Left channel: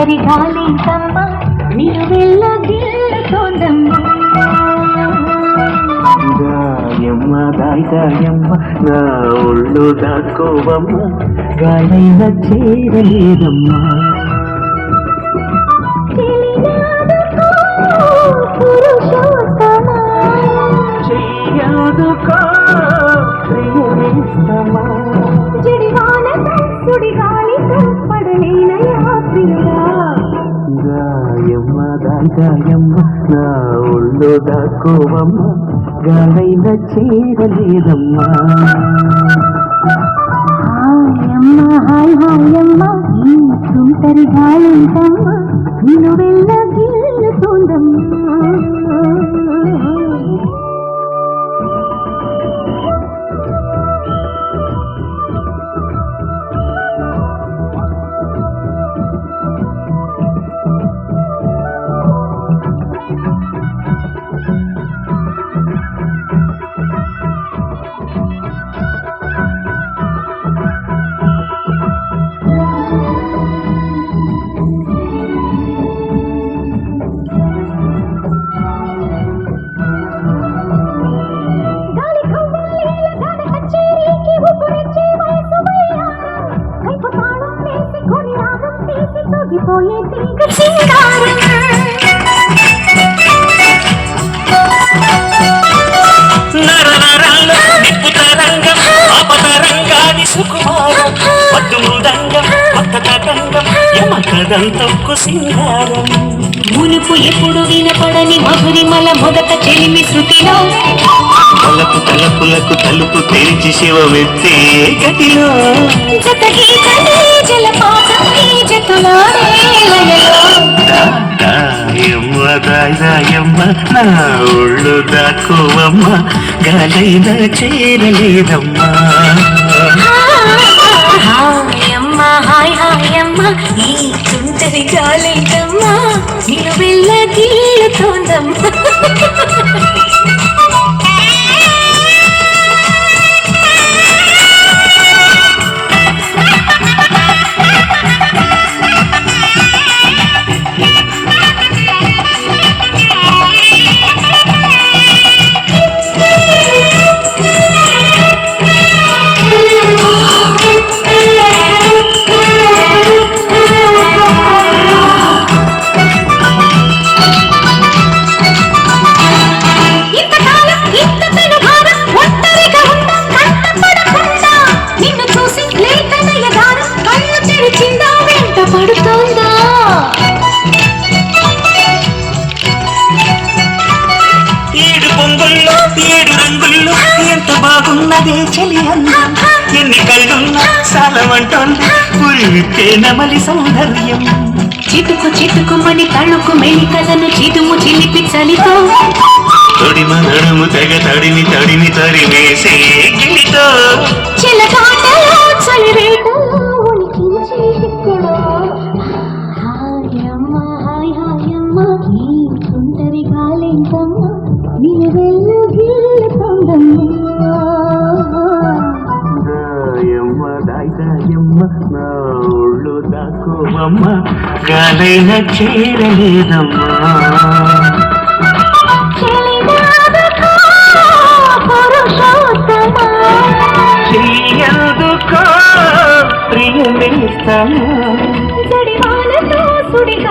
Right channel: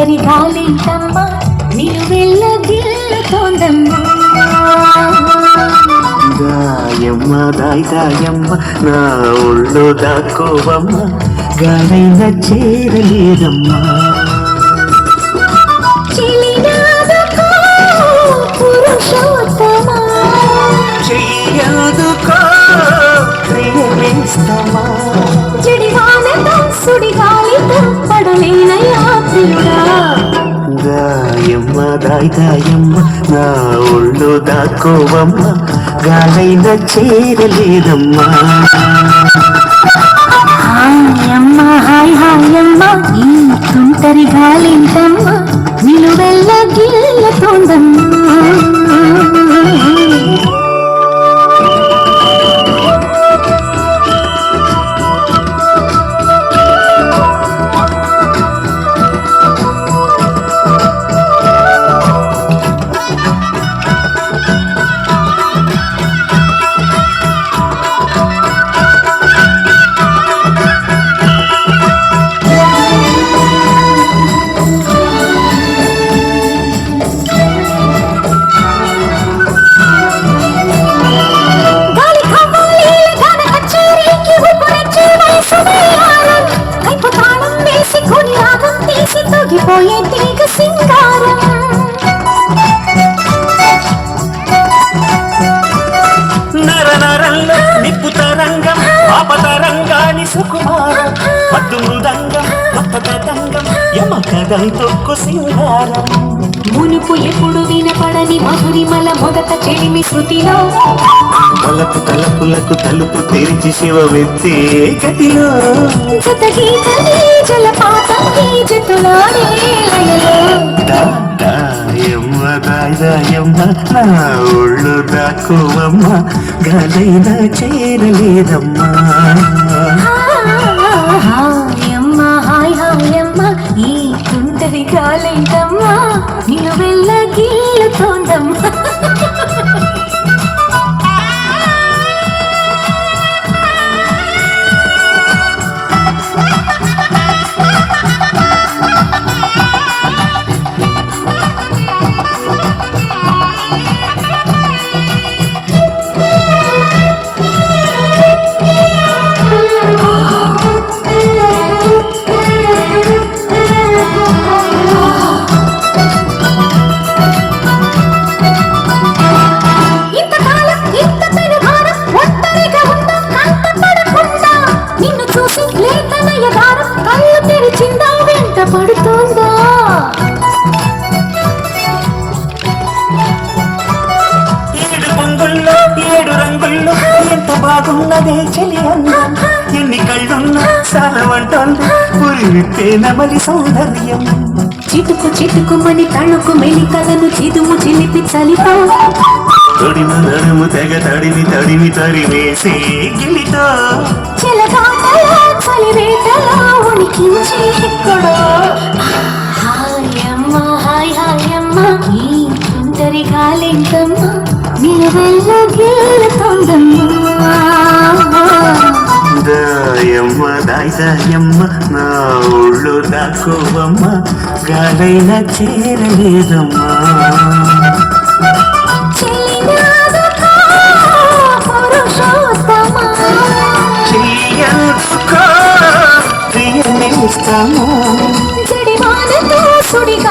ತುಂಟರಿ ಗಾಳಿ ತಮ್ಮ ನಿಲುವೆಲ್ಲ ಗೆಲ್ಲುತ್ತೋಂದಮ್ಮ దాయమ్మ దాయమ్మ నా ఒళ్ళు దాక్కోవమ్మ గాలైన చేరలేదమ్మా పురుషోత్తమా చెయ్యదుకో ప్రియమిస్తమా జడివానతో సుడిగాలితో పడలేన యాత్రియుడా దాయమ్మ దాయమ్మ నా ఒళ్ళు దాక్కోవమ్మ గాలైన చేరలేదమ్మా హాయమ్మ హాయ్ హాయమ్మ ఈ తుంటరి గాలింటమ్మ నిలువెల్ల గిల్లతోందమ్మ నరనరంలో నిప్పుతరంగం ఆపతరంగాని సుకుమారం పద్దు మృదంగం కొత్త కదంగం యమకదం తొక్కు సింగారం మునుపు ఎప్పుడు వినపడని మధురిమల మొదట చెలిమి శృతిలో తలపు తలపులకు తలుపు తెరిచి శివమెత్తే గతిలో జత గీతలే జలపాతం ఈ జతలాడే లయలో దాయమ్మ దాయమ్మ నా ఒళ్ళు దాక్కోవమ్మ గాలైన చేరలేదమ్మా హాయమ్మ హాయ్ హాయమ్మ ఈ తుంటరి గాలింటమ్మ నిలువెల్ల గిల్లుతోందమ్మ ఏడు పొంగుల్లో ఏడు రంగుల్లో ఎంత బాగున్నదే చెలి అందం ఎన్ని కళ్ళున్నా సాలమంటోంది పురికే నమలి సౌందర్యం చిటుకు చిటుకుమని తణుకు మెలికలను చిదుము చిలిపి చలితో తొడిమ నడుము తెగ తడిమి తడిమి తరిమేసే గిలితో చిలకాటలో చలివేటలో ఉనికించి ఇక్కడ హాయమ్మ హాయ్ హాయమ్మ ఈ తుంటరి గాలింటమ్మ నిలువెల్ల గిల్లుతోందమ్మ దాయమ్మ దాయమ్మ నా ఒళ్ళు దాక్కోవమ్మ గాలైన చేరలేదమ్మా చెయ్యదుకో ప్రియమిస్తమా జడివానతో సుడిగా